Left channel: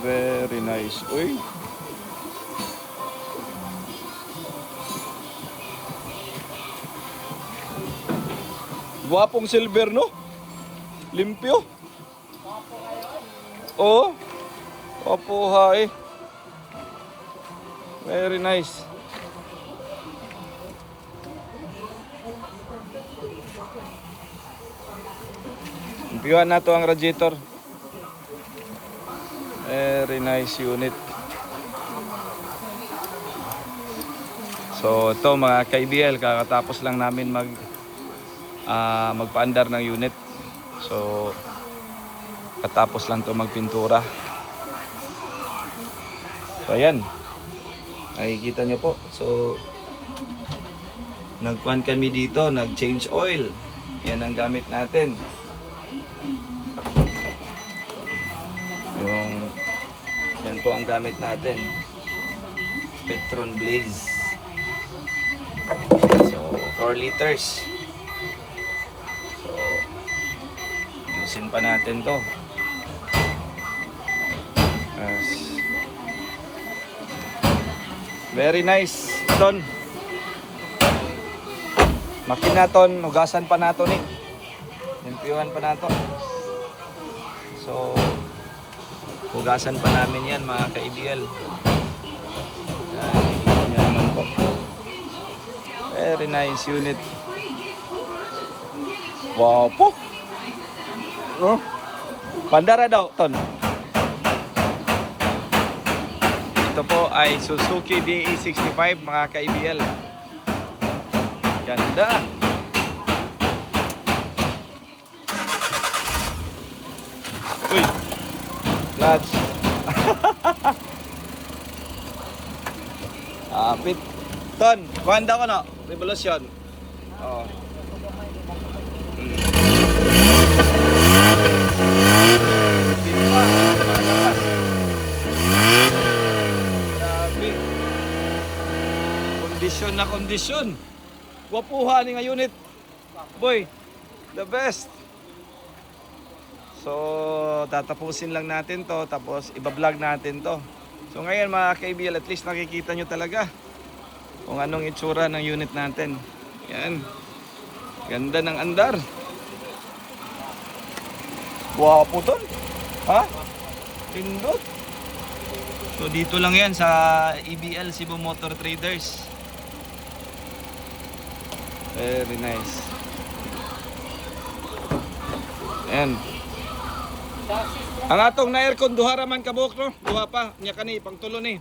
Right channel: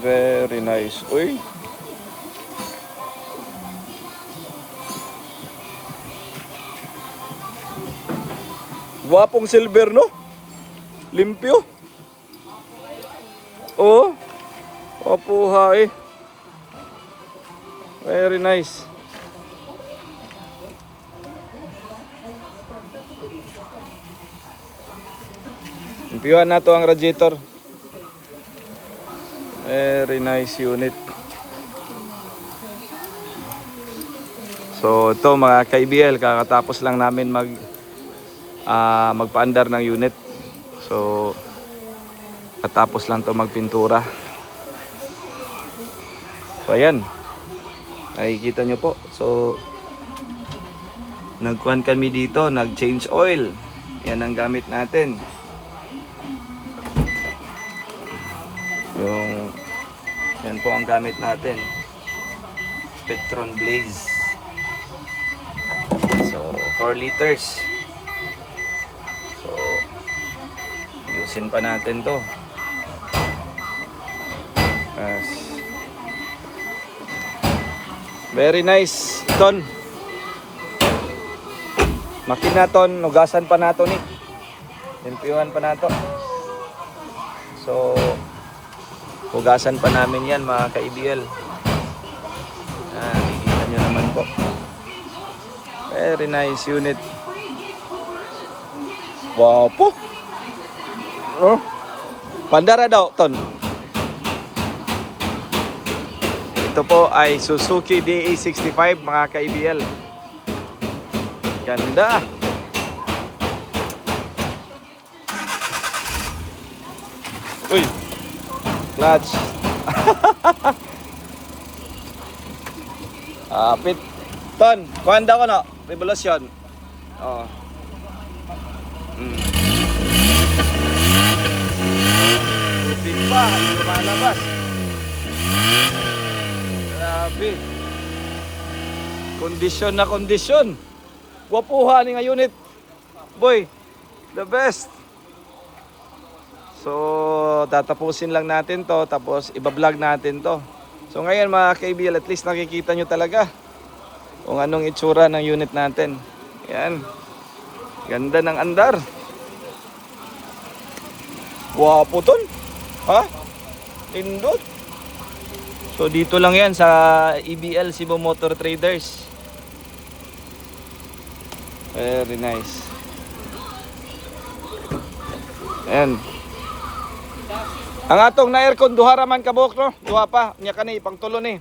Very nice. Uy. Gwapong silver, no? Limpyo. Oh. Opuhay. Very nice. Limpyuhan na to ang radiator. Very nice unit. So ito mga ka-IBL, kakatapos lang namin magpaandar ng unit. So katapos lang to magpintura. So ayan, nakikita nyo po. So nagkuhan kami dito, nag-change oil. Yan ang gamit natin. So yan po ang gamit natin, Petron Blaze. So 4 liters. So usin pa natin to. Yes. Very nice ton. Makina ton, nugasan pa natin. Limpyuhan pa nato. So hugasan pa namin yan mga ka-IBL. Very nice unit. Wow po. Oh. Pandara daw, ton. Ito po ay Suzuki DA65 mga ka-IBL. Ganda. Uy. Clutch. Pit. Ton, kuhanda ko na. Revolusyon. Oh. Kondisyon na kondisyon. Wapuha ni nga unit. Boy, the best. So, tatapusin lang natin to, tapos iba-vlog natin to. So ngayon mga ka-IBL, at least nakikita nyo talaga kung anong itsura ng unit natin. Yan. Ganda ng andar. Wapo ton. Ha? Pindot. So dito lang yan sa EBL Cebu Motor Traders. Very nice. Yan. Ang atong na aircon duha ra man kabuk, no? Duha pa, nya kani pang tulo ni.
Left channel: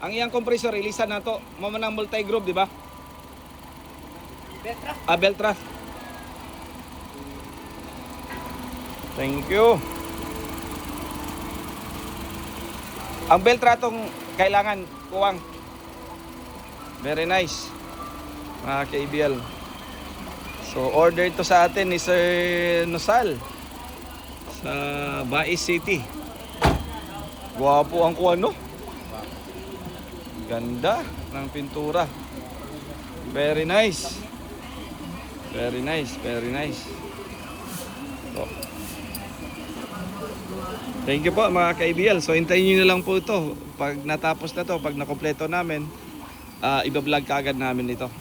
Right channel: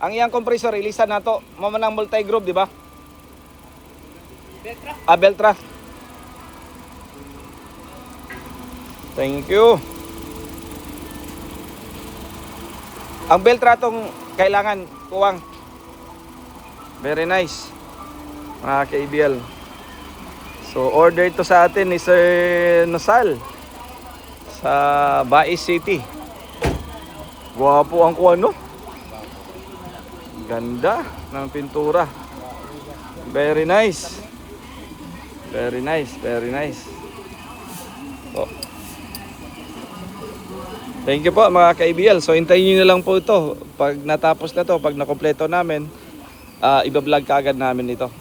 Ang iyang compressor ilisan nato, mo man ang multi-groove, di ba? Beltra. Beltra. Thank you. Ang Beltra tong kailangan kuwang. Very nice. Mga ka-IBL. So order ito sa atin ni Sir Nosal sa Bais City. Guwapo ang kuwan, no? Ganda ng pintura. Very nice. Very nice, very nice. So, thank you po mga ka-IBL. So hintayin niyo lang po ito. Pag natapos na to, pag nakompleto namin, iba-vlog kaagad namin ito.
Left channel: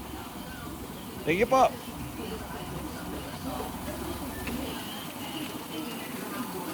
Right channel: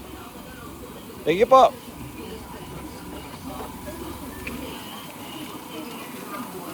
Thank you po.